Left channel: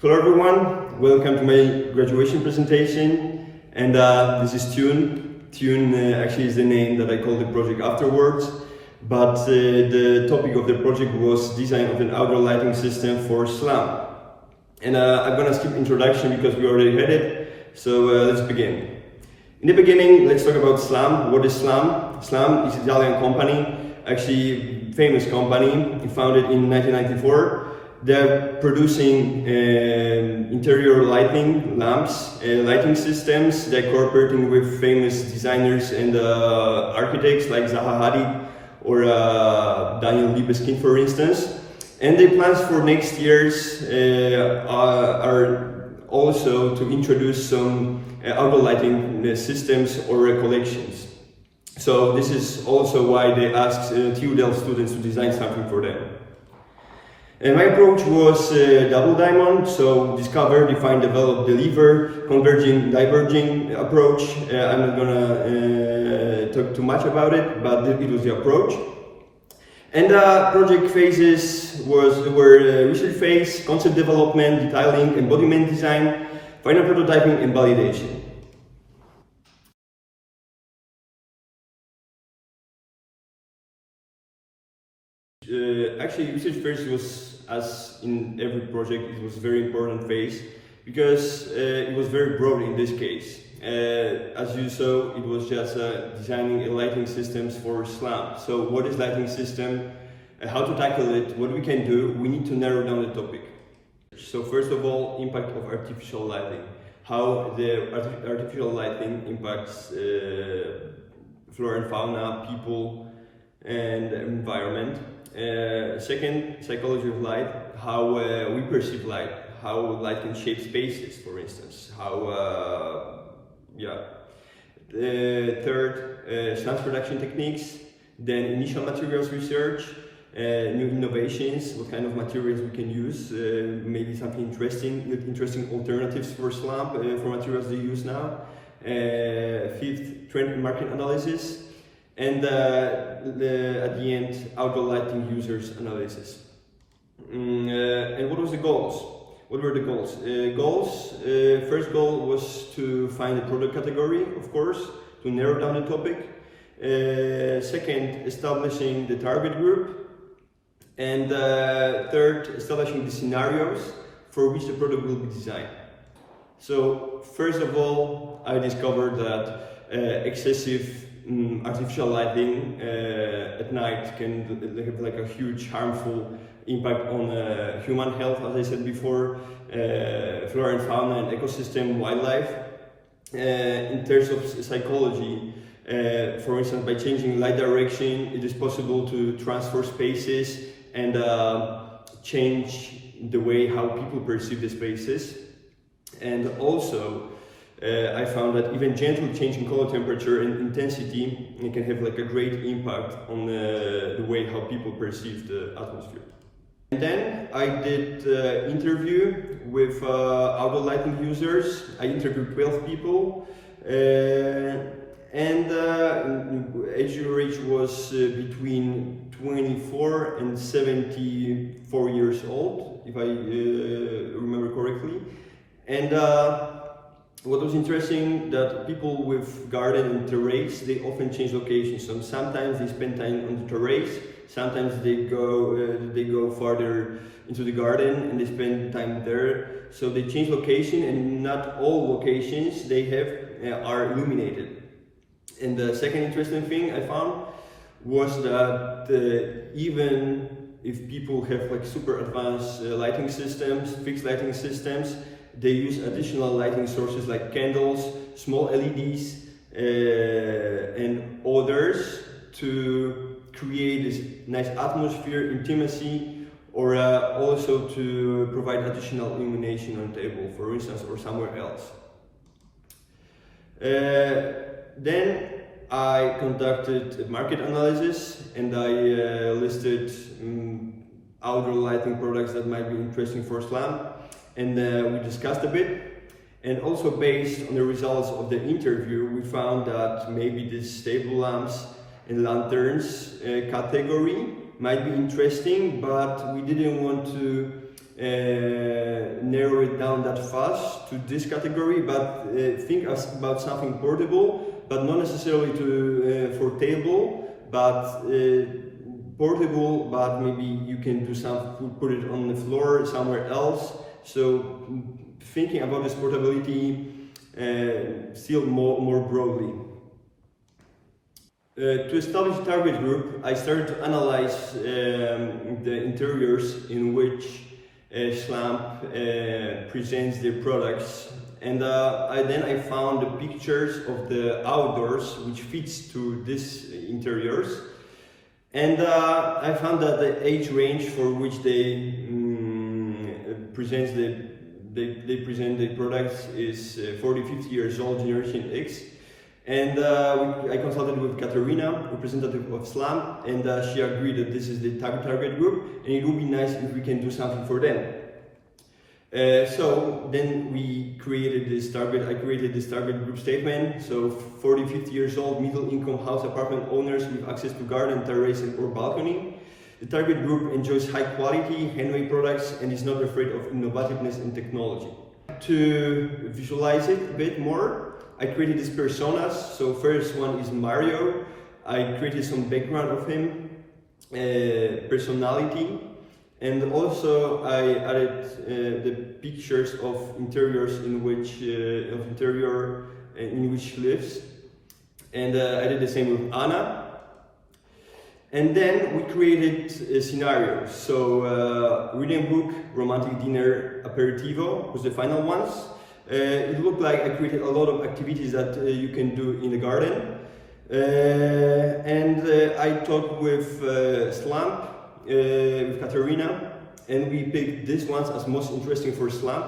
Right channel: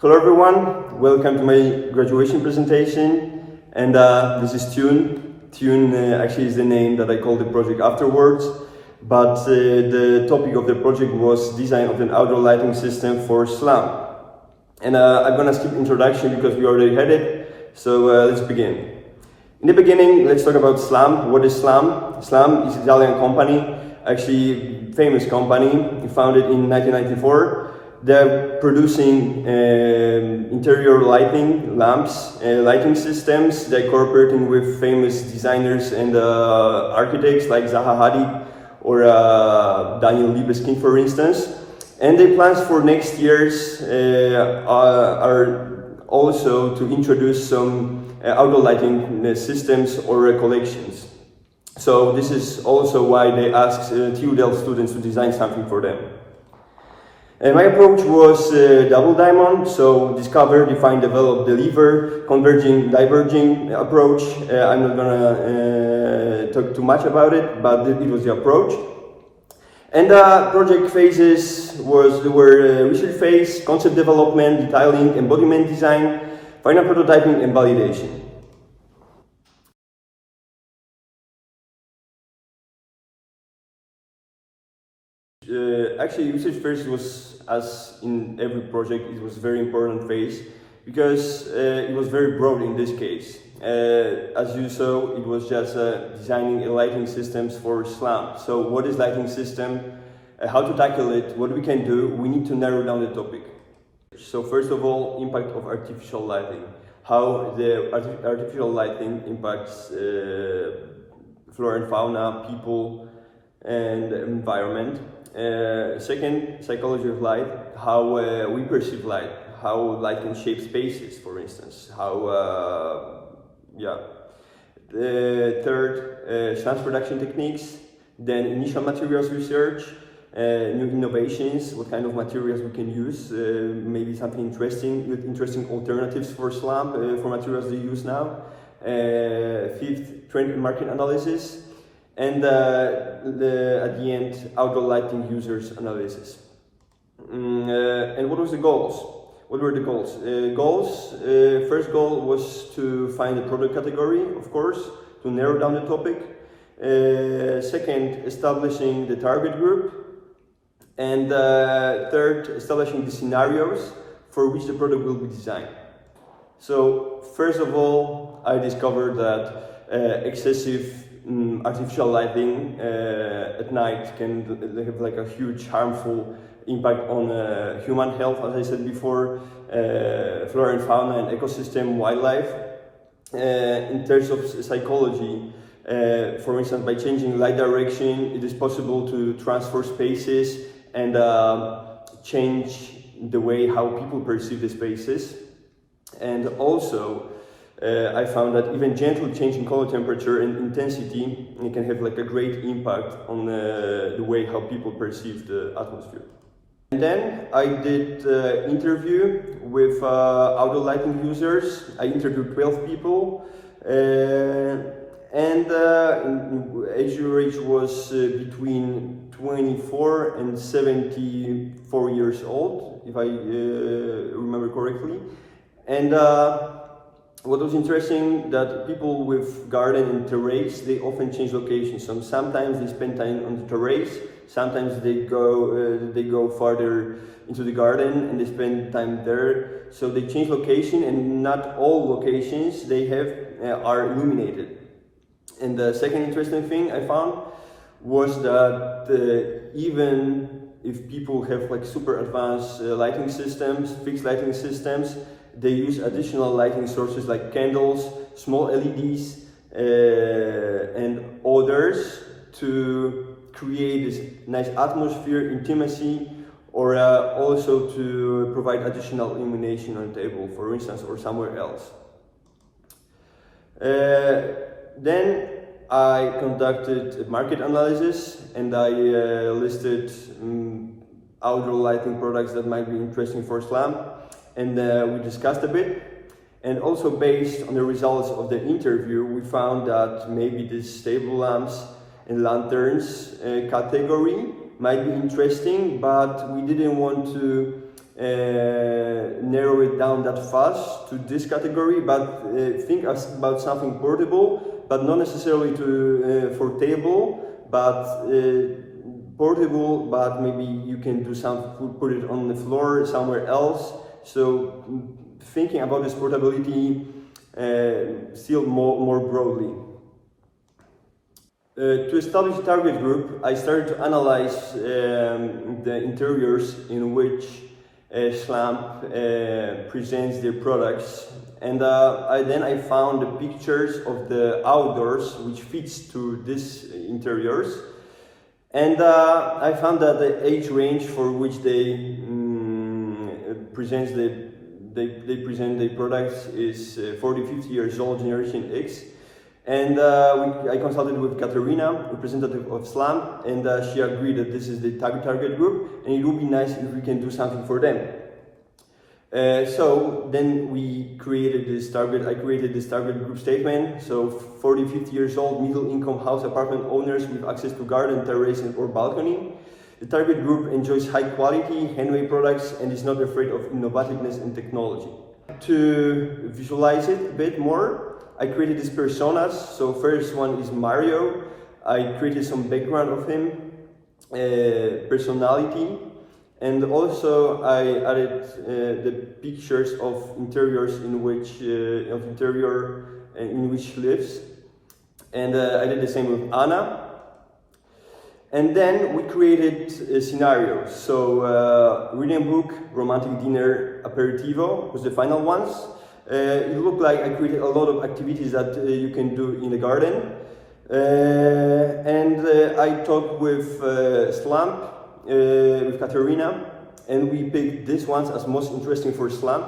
Hello everyone, welcome to my graduation presentation, and this is Tune. Tune actually is the name that I called the project afterwards, but the topic of the project was design of an outdoor lighting system for Slamp. And I'm gonna skip introduction because we already had it, so let's begin. In the beginning, let's talk about Slamp. What is Slamp? Slamp is an Italian company, actually famous company, founded in 1994. They're producing interior lighting, lamps, lighting systems. They're cooperating with famous designers and architects like Zaha Hadid or Daniel Libeskind, for instance. And their plans for next years are also to introduce some outdoor lighting systems or collections. So this is also why they asked TU Delft students to design something for them. And my approach was double diamond, so discover, define, develop, deliver, converging, diverging approach. I'm not gonna talk too much about it, but it was the approach. And project phases were research phase, concept development, detailing, embodiment design, final prototyping, and validation. Actually, research phase was, as in every project, it was a very important phase because it was very broad in this case. As you saw, it was just designing lighting systems for Slamp. So what is lighting system? How to tackle it? What we can do? We need to narrow down the topic. So first of all, impact of artificial lighting. How the artificial lighting impacts flora and fauna, people, and environment. Second, psychology of light, how we perceive light, how light can shape spaces, for instance, third, sound production techniques, then initial materials research, new innovations, what kind of materials we can use, maybe something interesting alternatives for Slamp, for materials they use now. Fifth, trend and market analysis. And at the end, outdoor lighting users analysis. And what was the goals? What were the goals? First goal was to find a product category, of course, to narrow down the topic. Second, establishing the target group. And third, establishing the scenarios for which the product will be designed. So, first of all, I discovered that excessive artificial lighting at night can have like a huge harmful impact on human health, as I said before, flora and fauna and ecosystem, wildlife. In terms of psychology, for instance, by changing light direction, it is possible to transfer spaces and change the way how people perceive the spaces. And also, I found that even gentle change in color temperature and intensity can have like a great impact on the way how people perceive the atmosphere. And then I did interview with outdoor lighting users. I interviewed 12 people, and age range was between 24 and 74 years old, if I remember correctly. And what was interesting, that people with garden and terrace, they often change locations. So sometimes they spend time on the terrace, sometimes they go farther into the garden and they spend time there. So they change location, and not all locations they have are illuminated. And the second interesting thing I found was that even if people have like super advanced lighting systems, fixed lighting systems, they use additional lighting sources like candles, small LEDs, and others to create this nice atmosphere, intimacy, or also to provide additional illumination on the table, for instance, or somewhere else. Then I conducted a market analysis, and I listed outdoor lighting products that might be interesting for Slamp. And we discussed a bit, and also based on the results of the interview, we found that maybe this stable lamps and lanterns category might be interesting, but we didn't want to narrow it down that fast to this category, but think about something portable, but not necessarily for table, but portable, but maybe you can do some, put it on the floor somewhere else. So thinking about this portability still more broadly. To establish a target group, I started to analyze the interiors in which Slamp presents their products, and then I found the pictures of the outdoors which fits to these interiors, and I found that the age range for which they present the products is 40-50 years old, Generation X. And I consulted with Katerina, representative of Slamp, and she agreed that this is the target group, and it would be nice if we can do something for them. So then we created this target. I created this target group statement. So 40-50 years old, middle-income house apartment owners with access to garden, terrace, or balcony. The target group enjoys high-quality, handmade products and is not afraid of innovativeness and technology. To visualize it a bit more, I created these personas. So first one is Mario. I created some background of him, personality, and also I added the pictures of interiors in which he lives, and I did the same with Anna. And then we created scenarios. So reading a book, romantic dinner, aperitivo was the final ones. It looked like I created a lot of activities that you can do in the garden. And I talked with Slamp, with Katerina, and we picked these ones as most interesting for Slamp.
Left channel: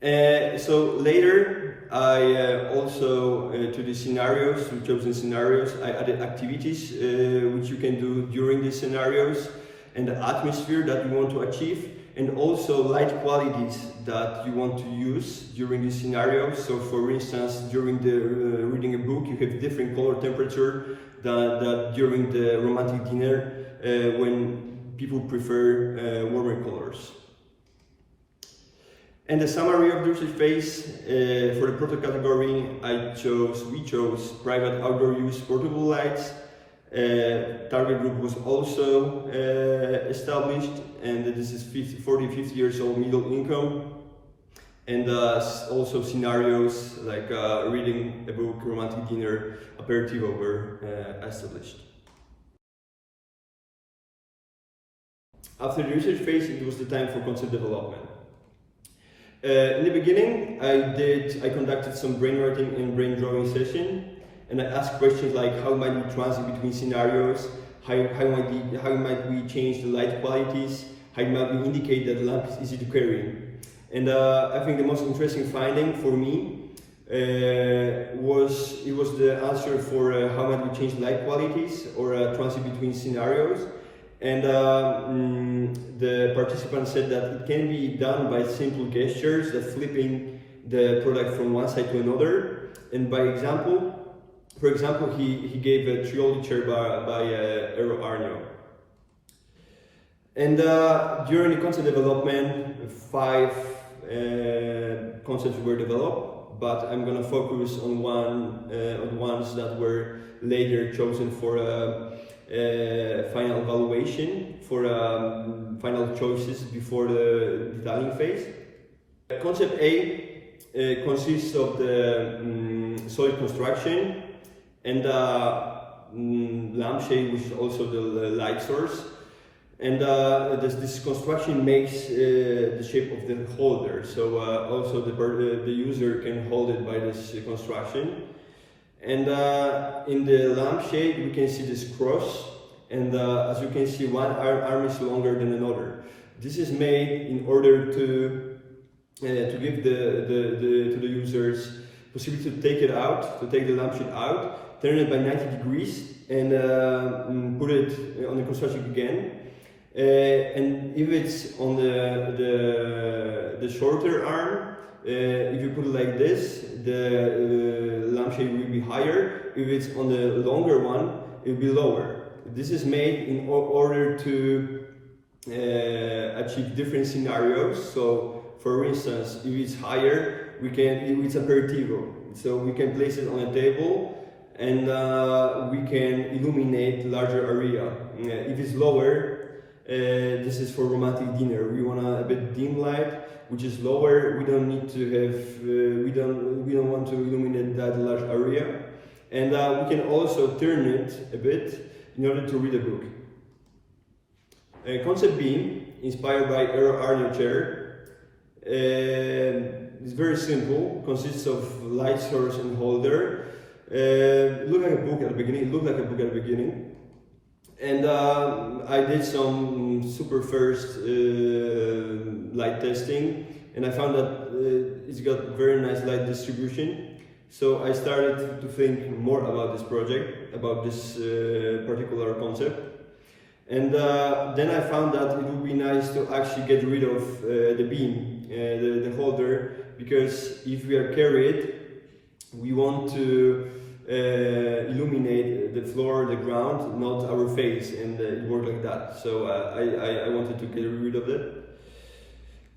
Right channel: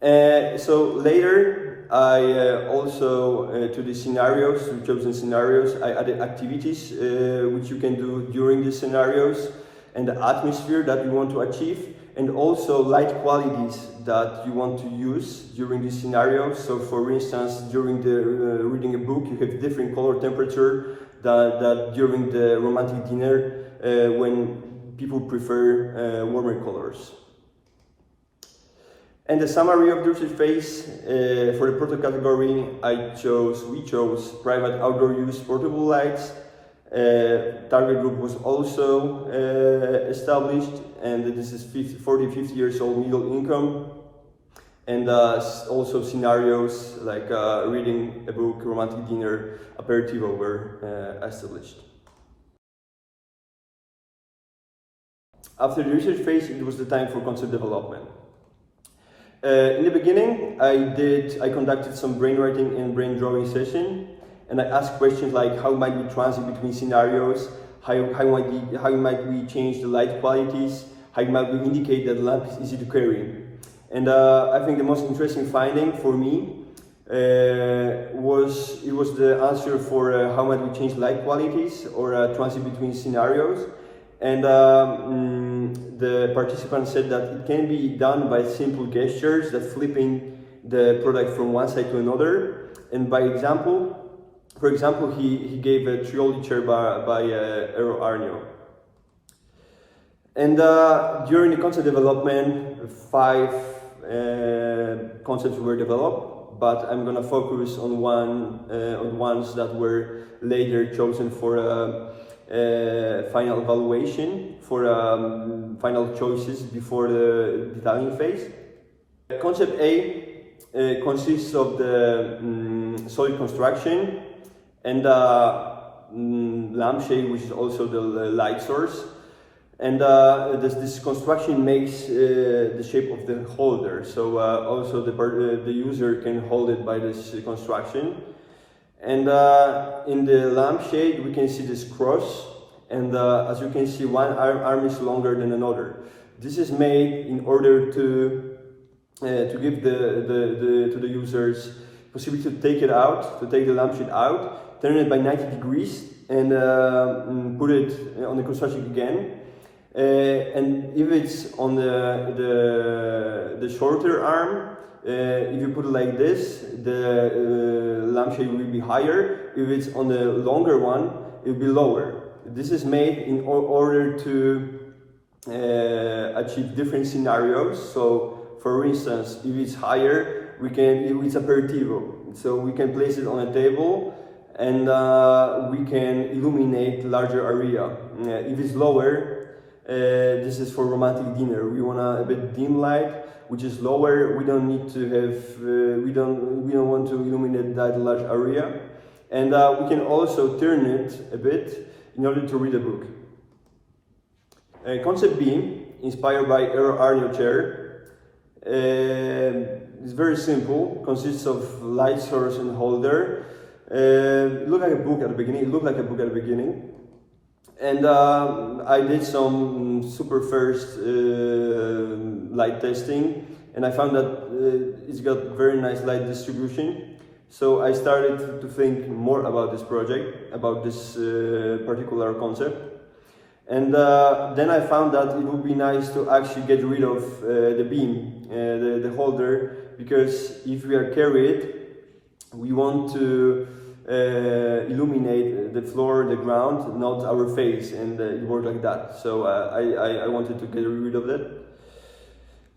So later, I also, to the scenarios, to chosen scenarios, I added activities which you can do during these scenarios, and the atmosphere that you want to achieve, and also light qualities that you want to use during these scenarios. So for instance, during the reading a book, you have different color temperature than during the romantic dinner when people prefer warmer colors. And the summary of the research phase, for the product category, we chose private outdoor use portable lights. Target group was also established, and this is 40-50 years old, middle income, and also scenarios like reading a book, romantic dinner, aperitivo were established. After the research phase, it was the time for concept development. In the beginning, I conducted some brainwriting and brain drawing session. And I asked questions like how might we transit between scenarios, how might we change the light qualities, how might we indicate that the lamp is easy to carry. And I think the most interesting finding for me was the answer for how might we change light qualities or transit between scenarios. And the participants said that it can be done by simple gestures, that flipping the product from one side to another, and by example. For example, he gave a Trioli chair by Eero Aarnio. And during the concept development, 5 concepts were developed, but I'm going to focus on on ones that were later chosen for final evaluation, for final choices before the detailing phase. Concept A consists of the solid construction, and lampshade, which is also the light source, and this construction makes the shape of the holder, so also the user can hold it by this construction. And in the lampshade we can see this cross, and as you can see, one arm is longer than another. This is made in order to give to the users possibility to take the lampshade out, turn it by 90 degrees, and put it on the construction again. And if it's on the shorter arm, if you put it like this, the lampshade will be higher. If it's on the longer one, it will be lower. This is made in order to achieve different scenarios. So, for instance, if it's higher, it's aperitivo, so we can place it on a table and we can illuminate larger area. If it's lower, this is for romantic dinner. We want a bit dim light, which is lower. We don't need to have, we don't want to illuminate that large area, and we can also turn it a bit in order to read a book. Concept B, inspired by Eero Arniochair, is very simple. Consists of light source and holder. Looked like a book at the beginning. And I did some super first light testing, and I found that it's got very nice light distribution. So I started to think more about this project, about this particular concept. And then I found that it would be nice to actually get rid of the beam, the holder, because if we are carried, we want to illuminate the floor, the ground, not our face, and it worked like that. So I wanted to get rid of that.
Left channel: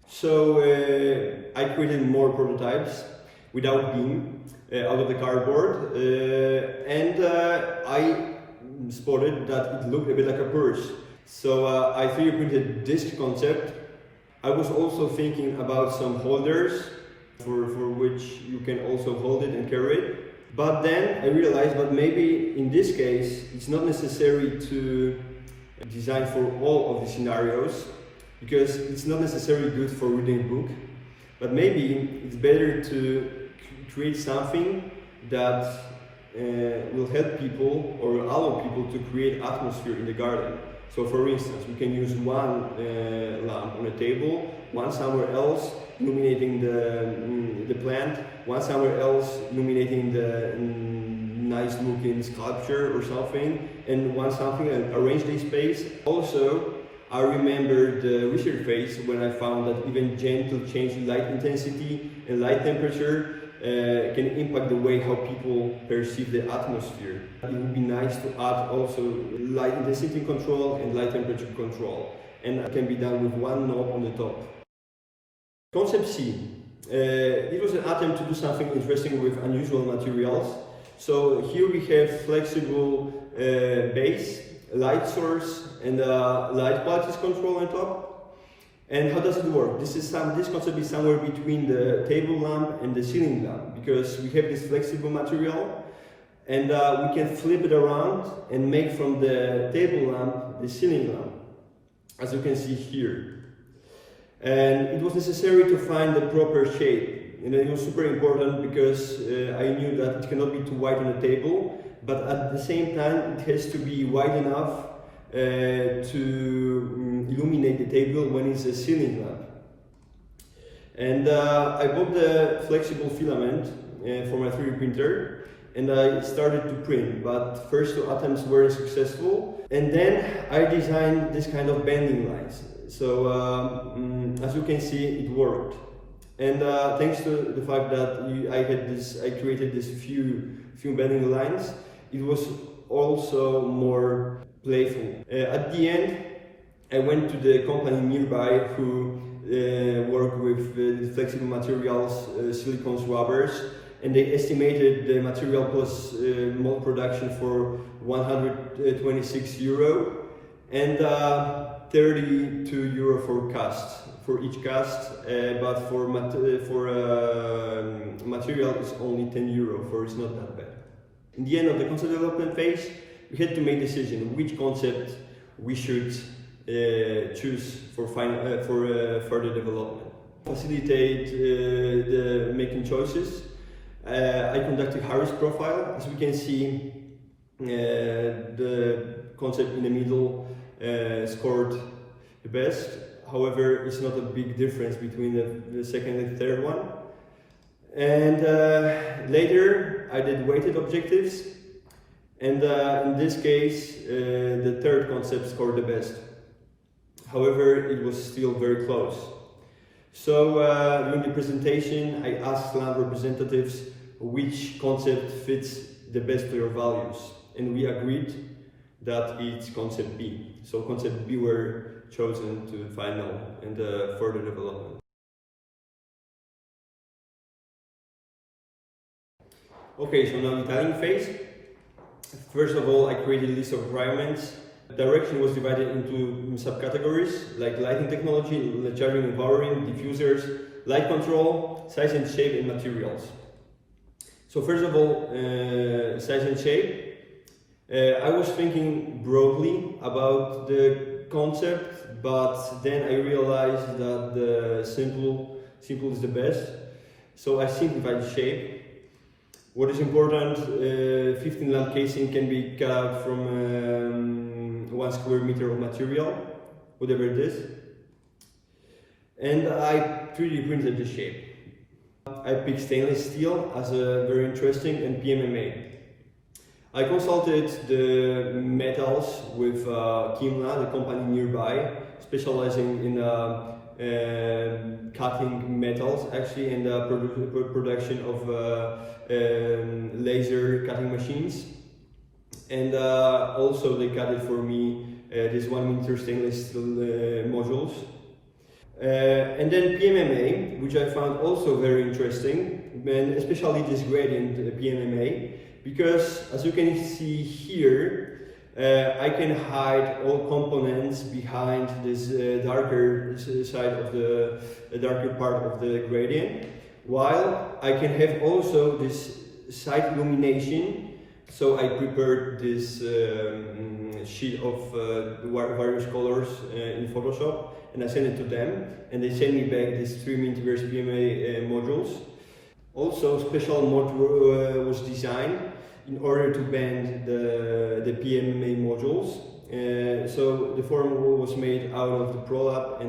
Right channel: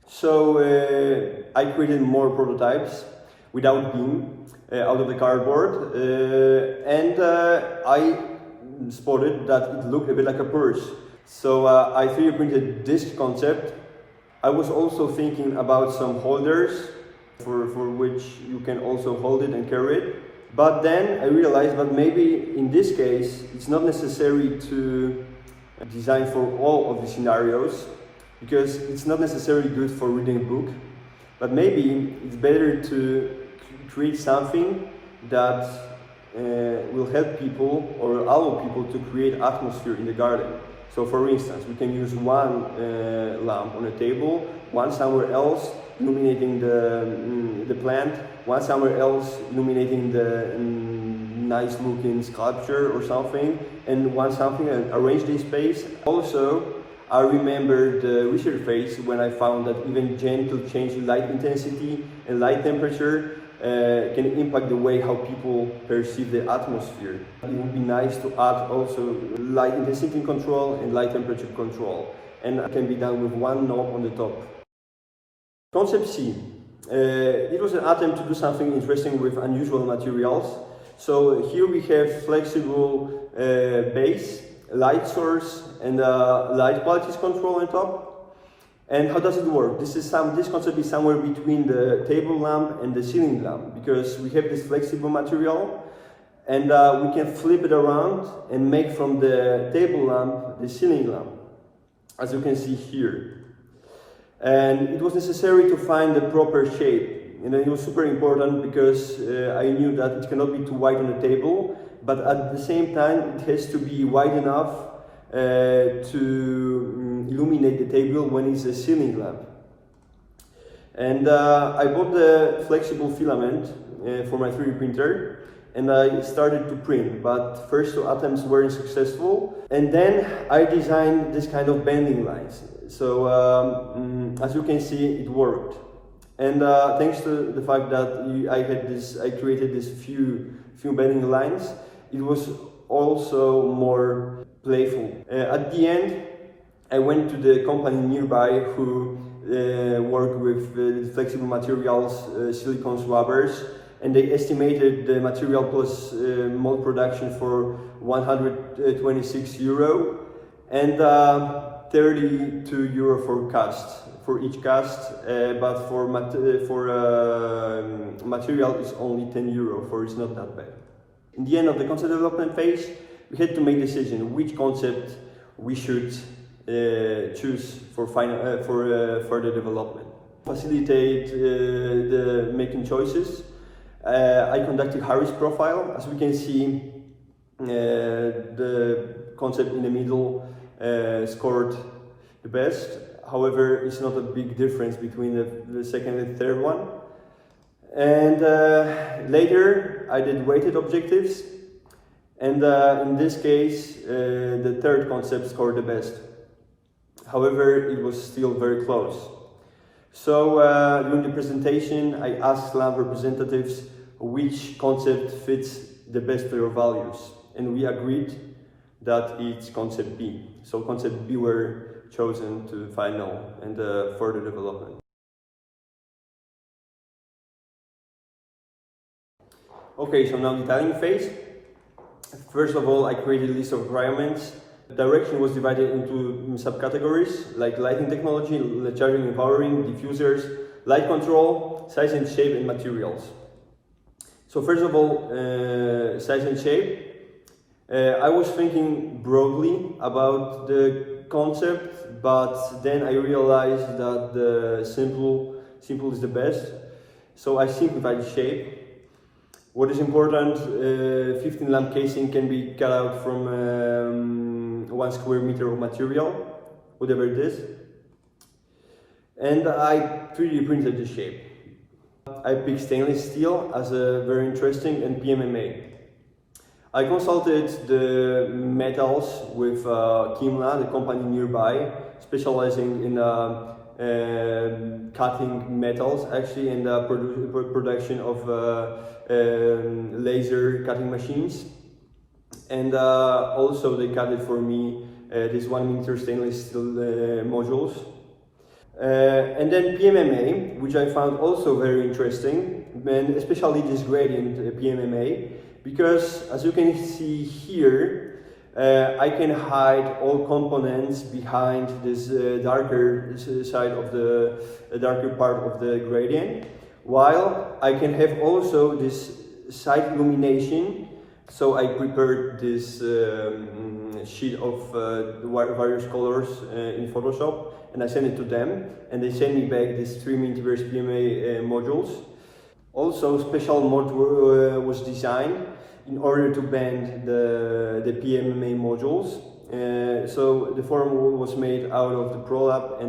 So I created more prototypes without beam out of the cardboard, and I spotted that it looked a bit like a purse. So I 3D printed this concept. I was also thinking about some holders for which you can also hold it and carry it. But then I realized that maybe in this case it's not necessary to design for all of the scenarios, because it's not necessarily good for reading a book, but maybe it's better to create something that will help people or allow people to create atmosphere in the garden. So for instance, we can use one lamp on a table, one somewhere else illuminating the plant, one somewhere else illuminating the nice looking sculpture or something, and one something and arrange the space. Also, I remember the research phase when I found that even gentle change in light intensity and light temperature can impact the way how people perceive the atmosphere. It would be nice to add also light intensity control and light temperature control, and it can be done with one knob on the top. Concept C. It was an attempt to do something interesting with unusual materials. So here we have flexible base, light source, and light qualities control on top. And how does it work? This concept is somewhere between the table lamp and the ceiling lamp, because we have this flexible material, and we can flip it around and make from the table lamp the ceiling lamp, as you can see here. And it was necessary to find the proper shape, and it was super important because I knew that it cannot be too wide on the table, but at the same time it has to be wide enough to illuminate the table when it's a ceiling lamp. And I bought the flexible filament for my 3D printer, and I started to print, but first two attempts weren't successful, and then I designed this kind of bending lines. So as you can see, it worked, and thanks to the fact that I created this few bending lines, it was also more playful. At the end, I went to the company nearby who work with the flexible materials, silicones, rubbers, and they estimated the material plus mold production for 126 euro and 32 euro for cast, for each cast, but for material it's only 10 euro, for it's not that bad. In the end of the concept development phase, we had to make a decision which concept we should choose for further development. Facilitate the making choices. I conducted Harris profile. As we can see, the concept in the middle scored the best. However, it's not a big difference between the second and third one. And later, I did weighted objectives. And in this case, the third concept scored the best. However, it was still very close. So during the presentation, I asked Slamp representatives which concept fits the best for your values. And we agreed that it's concept B. So concept B were chosen to final and further development. Okay, so now the detailing phase. First of all, I created a list of requirements. Direction was divided into subcategories like lighting technology, charging and powering, diffusers, light control, size and shape, and materials. So first of all, size and shape. I was thinking broadly about the concept, but then I realized that the simple is the best. So I simplified the shape. What is important, 15 lamp casing can be cut out from 1 square meter of material, whatever it is. And I 3D printed the shape. I picked stainless steel as a very interesting and PMMA. I consulted the metals with Kimla, the company nearby, specializing in cutting metals actually, and production of laser cutting machines. And also they cut it for me, these 1 meter stainless steel modules. And then PMMA, which I found also very interesting, and especially this gradient PMMA, because as you can see here, I can hide all components behind this darker side of the darker part of the gradient, while I can have also this side illumination. So I prepared this sheet of various colors in Photoshop, and I sent it to them, and they sent me back these 3 meters PMA modules. Also, special mode was designed in order to bend the PMA modules. So the form was made out of the ProLab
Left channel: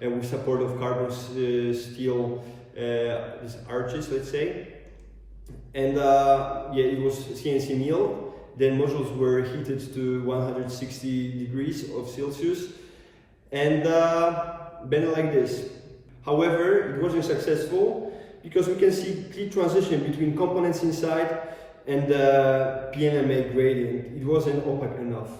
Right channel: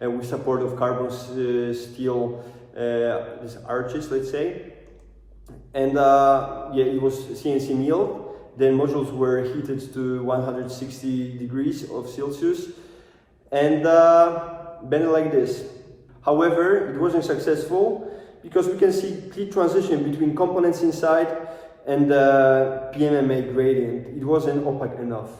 and with support of carbon steel, these arches, let's say. And yeah, it was CNC milled. Then modules were heated to 160 degrees of Celsius and bent like this. However, it wasn't successful because we can see clear transition between components inside and the PMMA gradient. It wasn't opaque enough.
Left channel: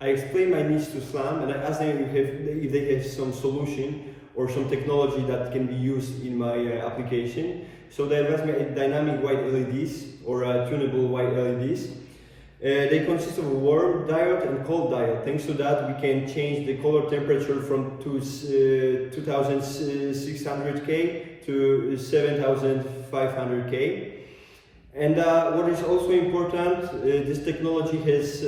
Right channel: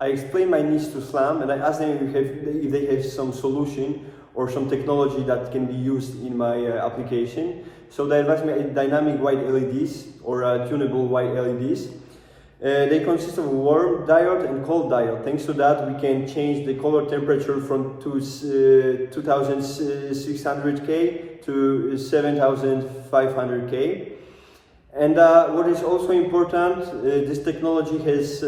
I explained my needs to Slamp and I asked them if they have some solution or some technology that can be used in my application. So they advised me dynamic white LEDs or tunable white LEDs. They consist of a warm diode and cold diode. Thanks to that, we can change the color temperature from 2600K to 7500K. And what is also important, this technology has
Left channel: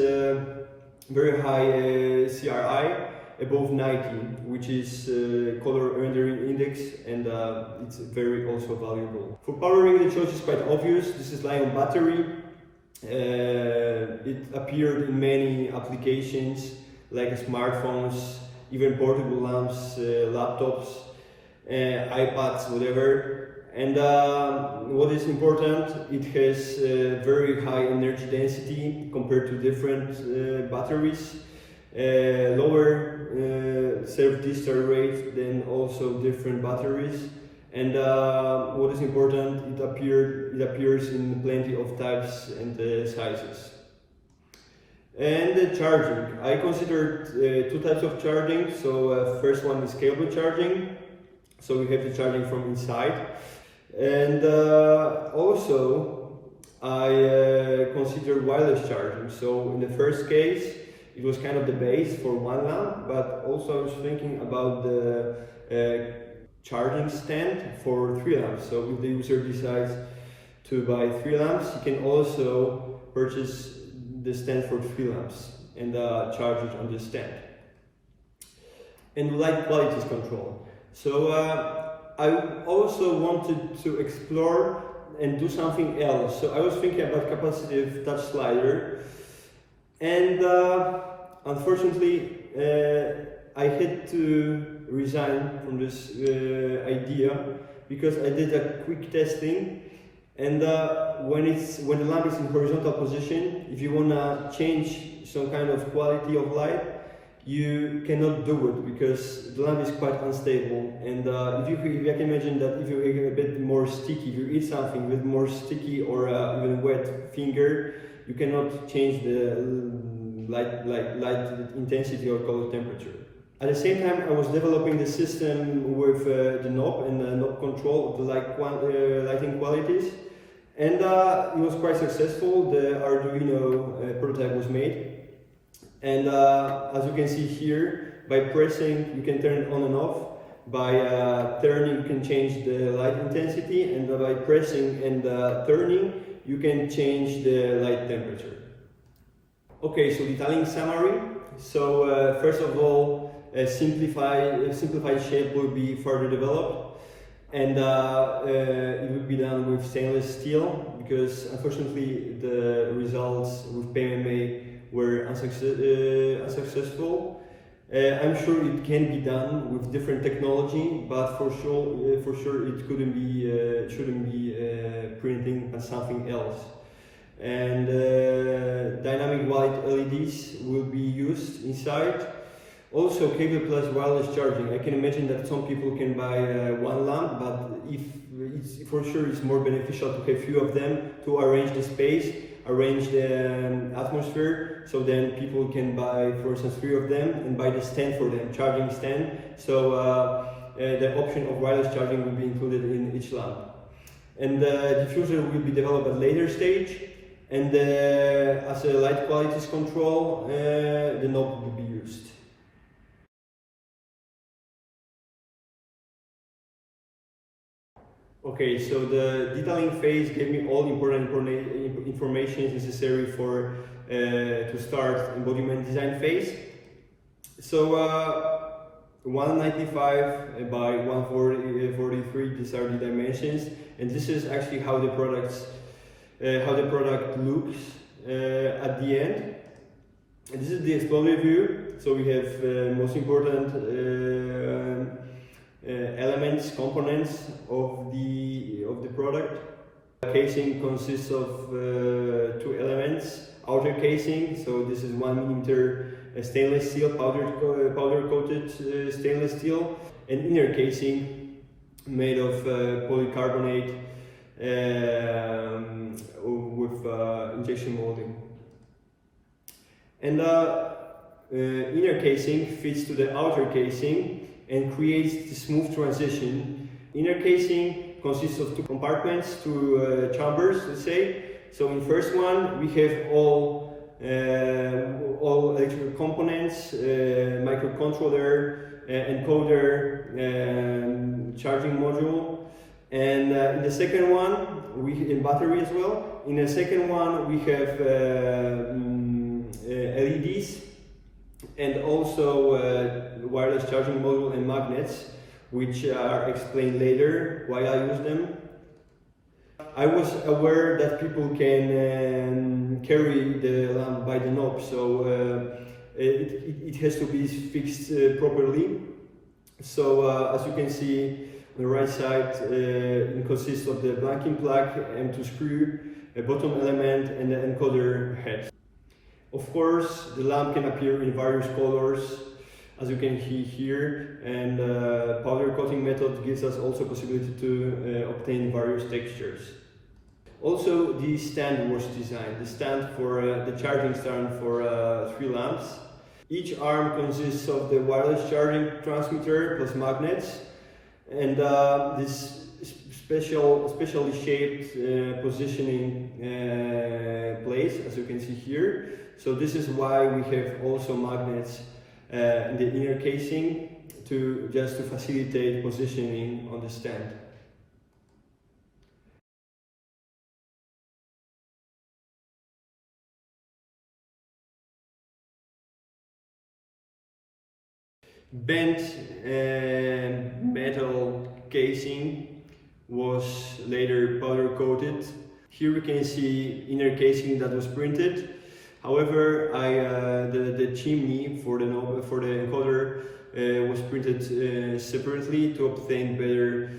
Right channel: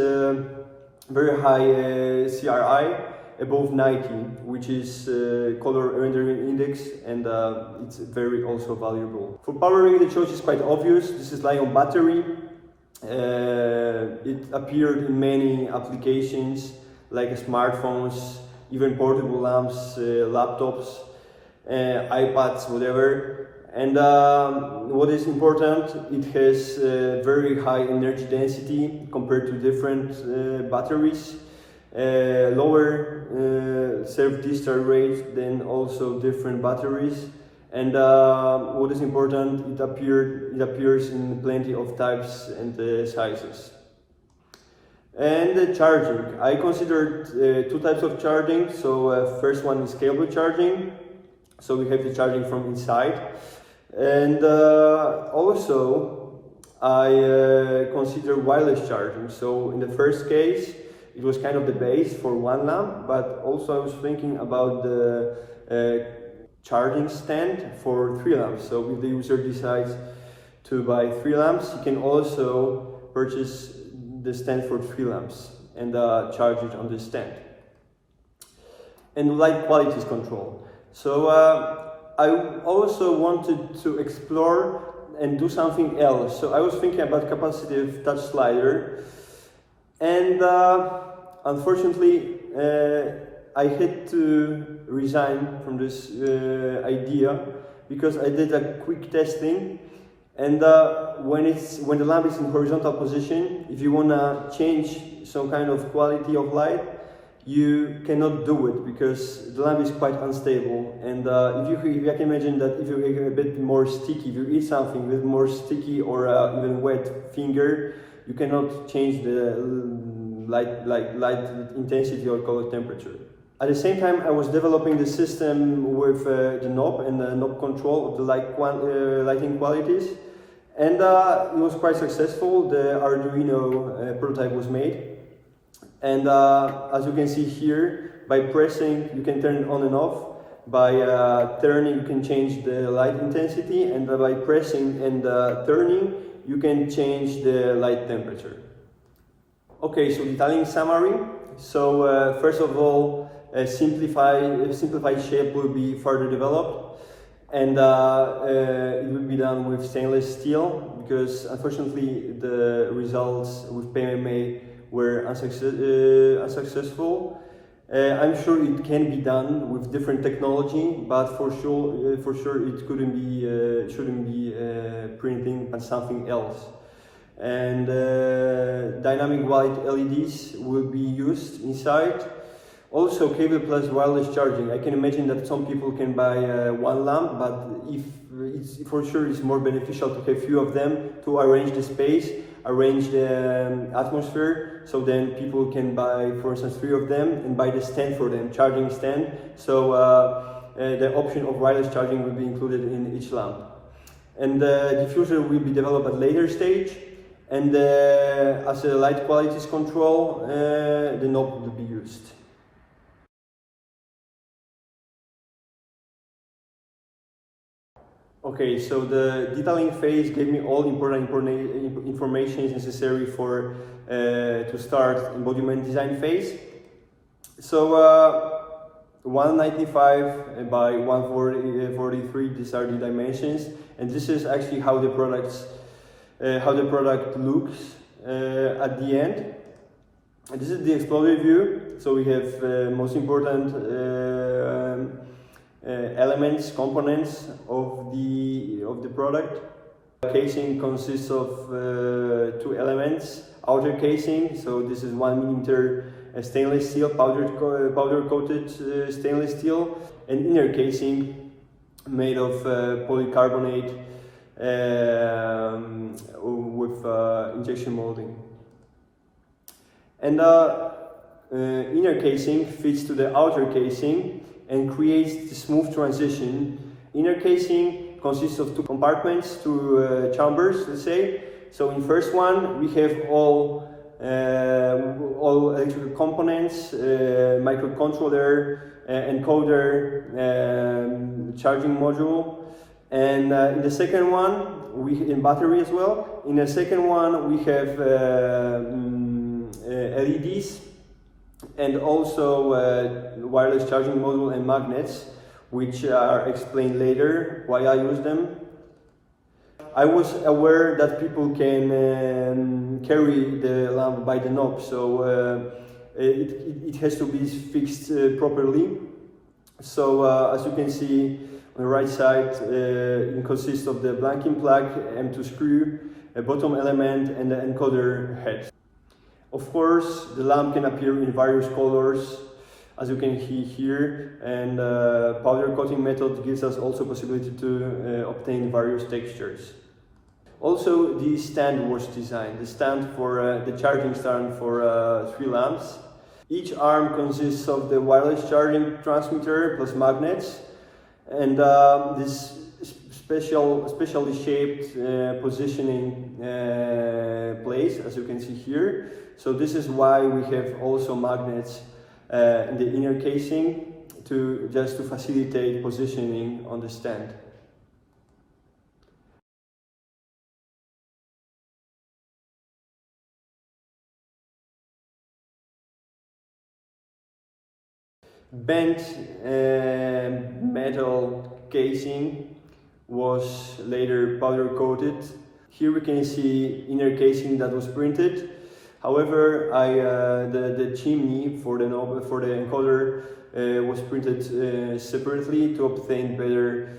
very high CRI, above 90, which is color rendering index, and it's very also valuable. For powering, the choice is quite obvious. This is lithium battery. It appeared in many applications like smartphones, even portable lamps, laptops, iPads, whatever. And what is important, it has very high energy density compared to different batteries, lower self-discharge rate than also different batteries. And what is important, it appears in plenty of types and sizes. And the charging, I considered 2 types of charging. So first one is cable charging, so we have the charging from inside. And also I consider wireless charging. So in the first case, it was kind of the base for 1 lamp, but also I was thinking about the charging stand for 3 lamps. So if the user decides to buy 3 lamps, you can also purchase the stand for 3 lamps and charge it on the stand. And light quality control. So I also wanted to explore and do something else. So I was thinking about capacitive touch slider, and unfortunately I had to resign from this idea because I did a quick testing, and when the lamp is in horizontal position, if you wanna change some kind of quality of light, you cannot do it because the lamp is quite unstable. And if you can imagine that if you make it a bit more sticky, if you eat something with more sticky or even wet finger, you cannot change the light intensity or color temperature. At the same time, I was developing the system with the knob and the knob control of the lighting qualities, and it was quite successful. The Arduino prototype was made, and as you can see here, by pressing you can turn it on and off. By turning you can change the light intensity, and by pressing and turning you can change the light temperature. Okay, so detailing summary. So first of all, a simplified shape will be further developed, and it will be done with stainless steel, because unfortunately the results with PMMA were unsuccessful. I'm sure it can be done with different technology, but for sure it shouldn't be printing on something else. And dynamic white LEDs will be used inside. Also, cable plus wireless charging. I can imagine that some people can buy one lamp, but for sure it's more beneficial to have few of them to arrange the space, arrange the atmosphere, so then people can buy, for instance, 3 of them and buy the stand for them, charging stand. So the option of wireless charging will be included in each lamp. And the diffuser will be developed at later stage. And as a light qualities control, the knob will be used. Okay, so the detailing phase gave me all important information necessary for to start embodiment design phase. So 195 by 143, these are the dimensions, and this is actually how the product looks at the end. And this is the exploder view. So we have most important elements, components of the product. Casing consists of 2 elements. Outer casing, so this is 1 millimeter stainless steel, powder coated stainless steel, and inner casing made of polycarbonate with injection molding. And inner casing fits to the outer casing and creates the smooth transition. Inner casing consists of 2 compartments, 2 chambers, let's say. So in first one we have all electrical components, microcontroller, encoder, charging module. And in the second one, in battery as well. In the second one we have LEDs, and also wireless charging module and magnets, which are explained later why I use them. I was aware that people can carry the lamp by the knob, so it has to be fixed properly. So as you can see on the right side, it consists of the blanking plug, M2 screw, a bottom element, and the encoder head. Of course, the lamp can appear in various colors, as you can see here, and powder coating method gives us also possibility to obtain various textures. Also, the stand was designed, the stand for the charging stand for 3 lamps. Each arm consists of the wireless charging transmitter plus magnets, and this specially shaped positioning place, as you can see here. So this is why we have also magnets in the inner casing to facilitate positioning on the stand. Bent metal casing was later powder coated. Here we can see inner casing that was printed. However, the chimney for the encoder was printed separately to obtain better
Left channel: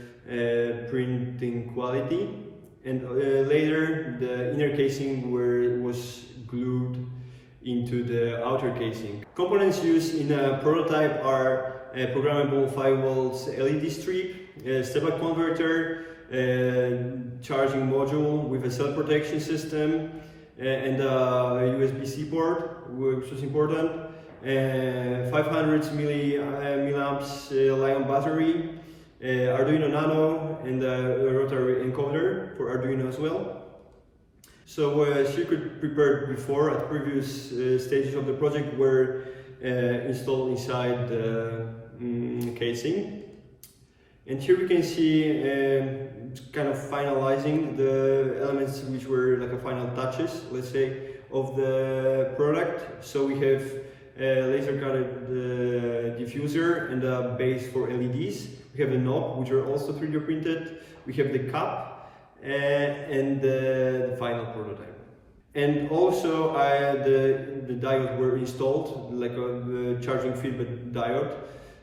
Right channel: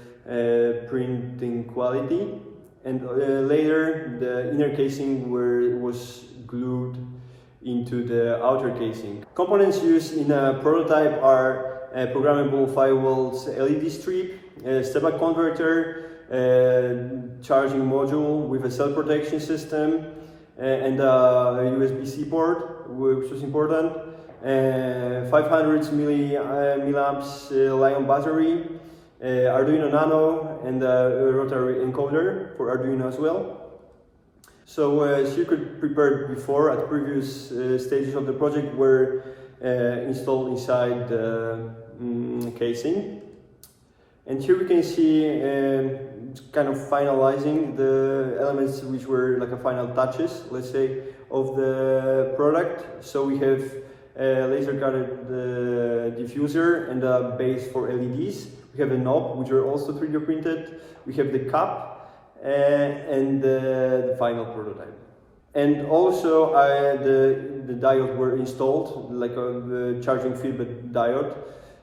printing quality. And later the inner casing was glued into the outer casing. Components used in a prototype are a programmable 5 volts LED strip, a step-up converter, charging module with a cell protection system, and a USB-C port, which was important, 500 milliamps Li-ion battery, Arduino Nano, and a rotary encoder for Arduino as well. So circuit prepared before at previous stages of the project were installed inside the casing. And here we can see kind of finalizing the elements which were like a final touches, let's say, of the product. So we have a laser guided diffuser and a base for LEDs. We have the knob, which are also 3D printed. We have the cap and the final prototype. And also the diode were installed, like the charging feedback diode.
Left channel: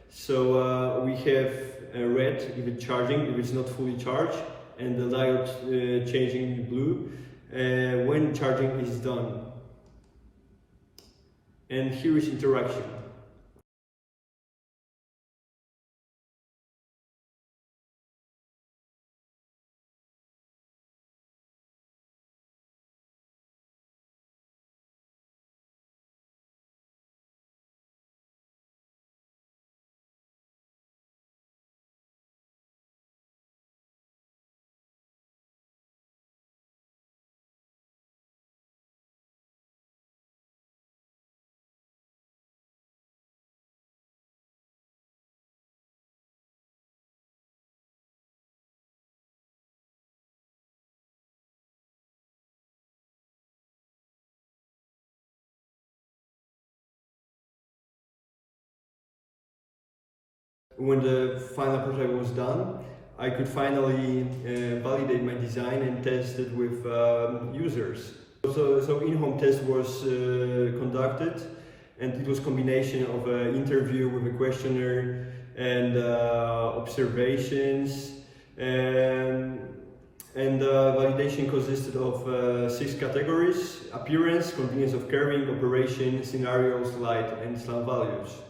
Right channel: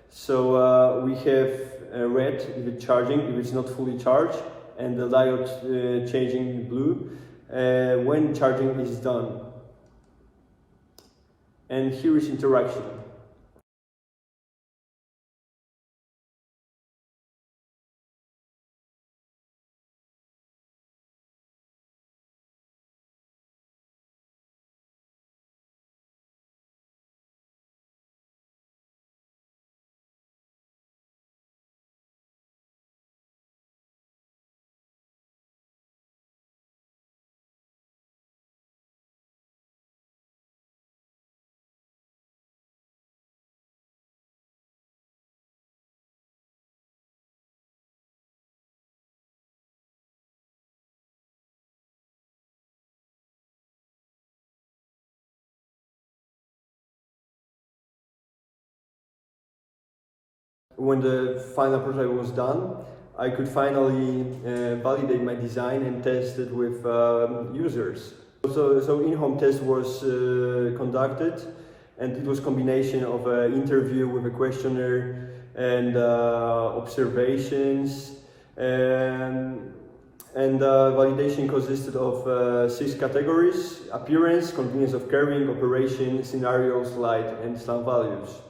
So we have red if it's charging, if it's not fully charged, and the diode changing blue when charging is done. And here is interaction. When the final prototype was done, I could finally validate my design and test it with users. So in-home test was conducted, and it was a combination of an interview with a questionnaire and observations. And validation consisted of 6 categories: appearance, convenience of carrying, operation, scenarios, light, and slam values.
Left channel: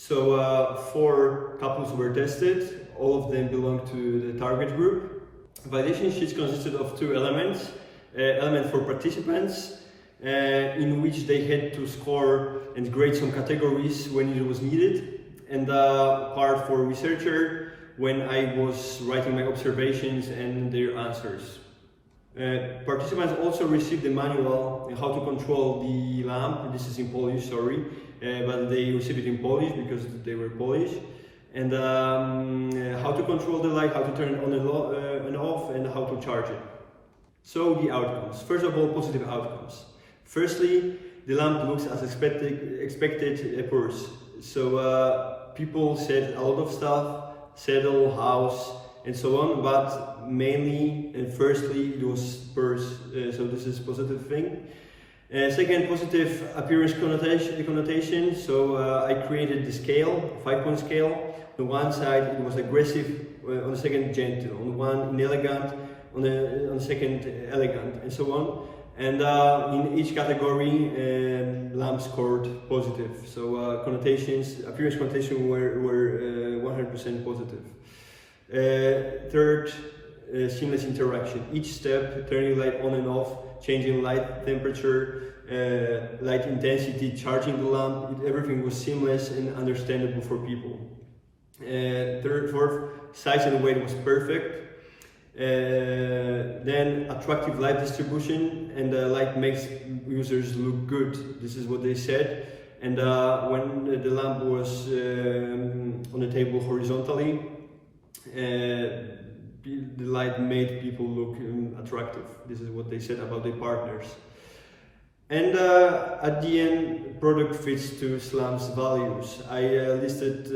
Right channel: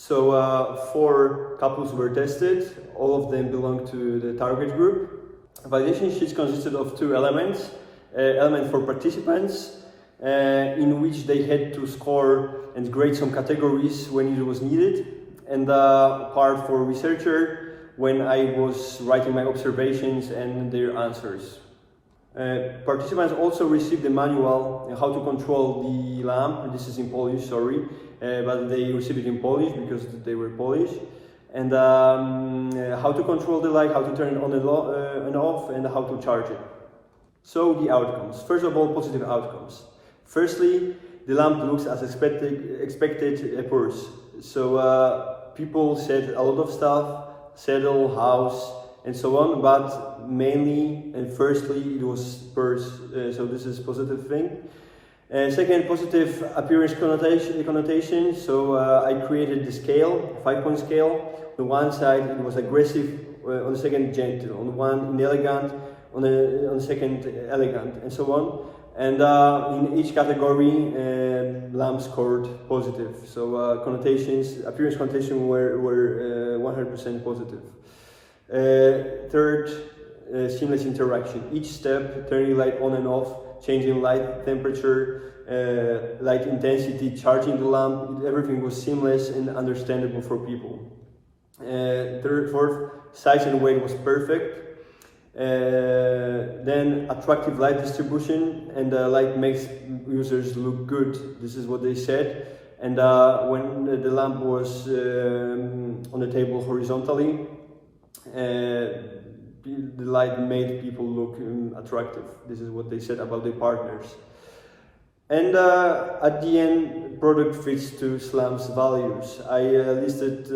So 4 couples were tested, all of them belong to the target group. Validation sheets consisted of 2 elements. Element for participants, in which they had to score and grade some categories when it was needed, and part for researcher when I was writing my observations and their answers. Participants also received the manual on how to control the lamp. This is in Polish, sorry, but they received it in Polish because they were Polish. And how to control the light, how to turn it on and off, and how to charge it. So the outcomes. First of all, positive outcomes. Firstly, the lamp looks as expected appears. So people said a lot of stuff, saddle, house, and so on, but mainly and firstly it was spurs, so this is positive thing. Second, positive appearance connotation. So I created the scale, 5-point scale. On the one side it was aggressive, on the second gentle, on the one inelegant, on the second elegant, and so on. And in each category, lamp scored positive. So connotations, appearance connotation were 100% positive. Third, seamless interaction. Each step, turning light on and off, changing light temperature, light intensity, charging the lamp, everything was seamless and understandable for people. Fourth, size and weight was perfect. Then attractive light distribution, and light makes users look good. This is what they said. And when the lamp was on the table horizontally, the light made people look attractive. This is what they said about their partners. And at the end, product fits to Slam's values. I listed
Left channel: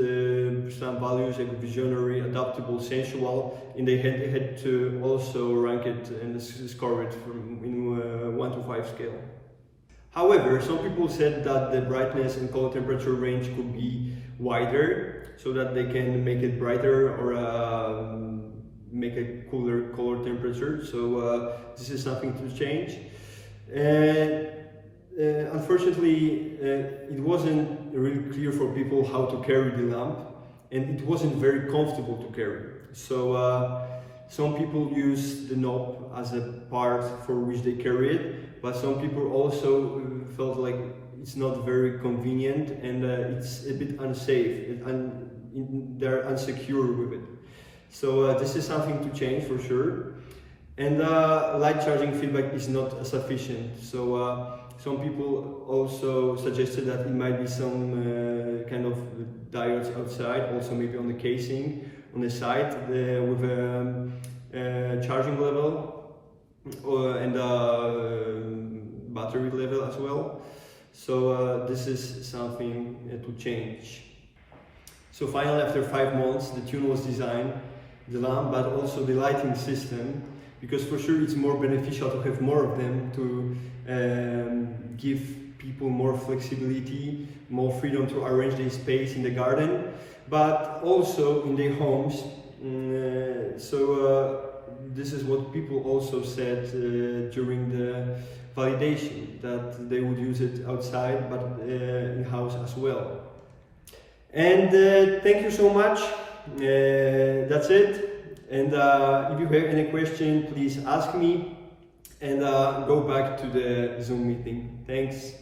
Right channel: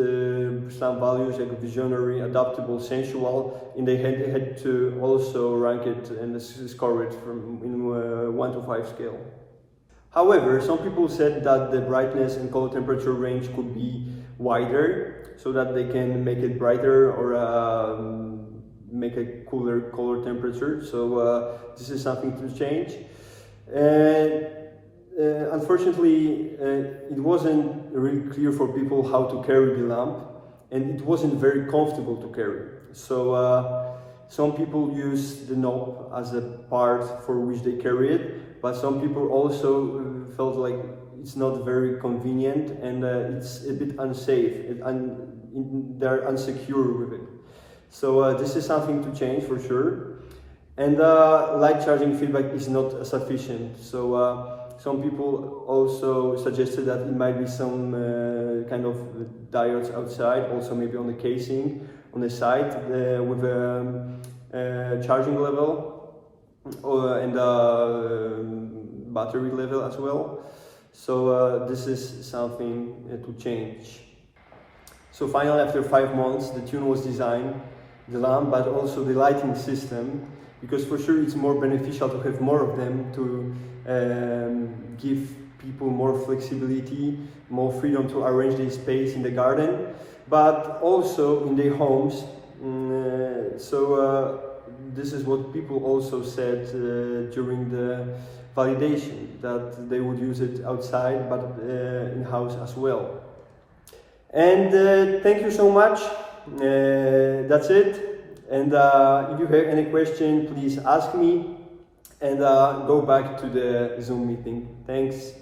Slam values like visionary, adaptable, sensual, and they had to also rank it and score it in 1 to 5 scale. However, some people said that the brightness and color temperature range could be wider, so that they can make it brighter or make a cooler color temperature. So this is something to change. Unfortunately, it wasn't really clear for people how to carry the lamp, and it wasn't very comfortable to carry. So some people use the knob as a part for which they carry it, but some people also felt like it's not very convenient, and it's a bit unsafe, they're unsecure with it. So this is something to change for sure. And light charging feedback is not sufficient. So some people also suggested that it might be some kind of diodes outside, also maybe on the casing, on the side, with a charging level and battery level as well. So this is something to change. So finally, after 5 months, the tune was designed, the lamp, but also the lighting system, because for sure it's more beneficial to have more of them to give people more flexibility, more freedom to arrange their space in the garden, but also in their homes. This is what people also said during the validation, that they would use it outside, but in-house as well. And thank you so much. That's it. And if you have any question, please ask me, and go back to the Zoom meeting. Thanks.